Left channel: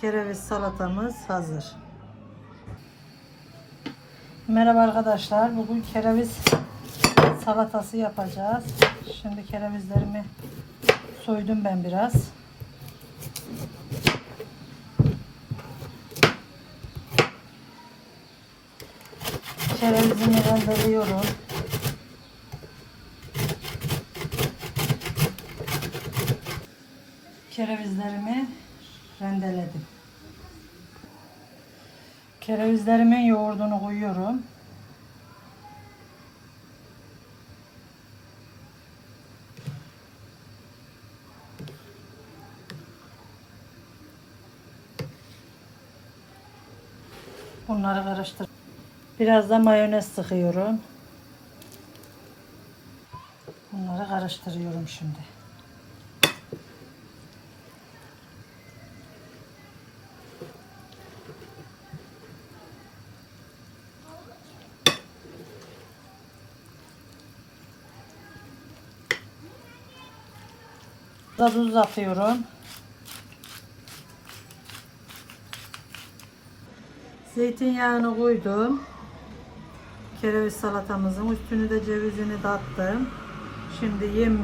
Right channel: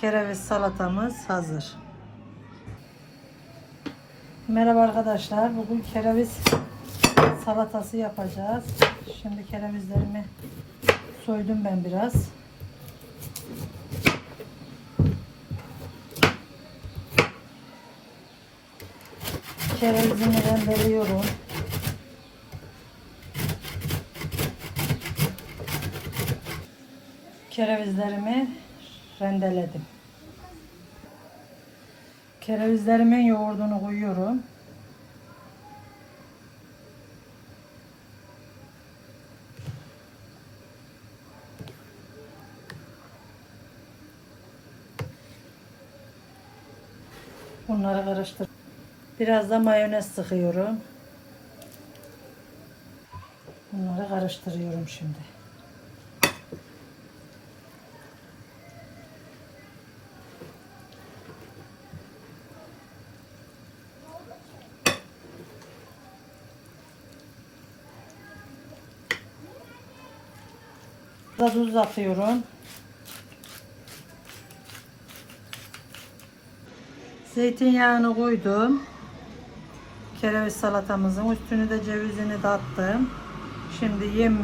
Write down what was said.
kereviz salatamız hazır. Merhaba arkadaşlar. Bugün kereviz salatası yapacağız. Şimdi kerevizlerimi soydum ben biraz. Kerevizimi rendeliyorum. Kerevizlerimi rendeledim. Kerevizlerimin yoğurdunu koyuyorum. Bunları karıştır. Biraz da mayonez sıkıyorum. Bunları karıştırıyorum şimdi. Tuz atıyorum. Zeytinyağını koydum. Kereviz salatamızın üstünü de cevizini de. Şimdi yemeği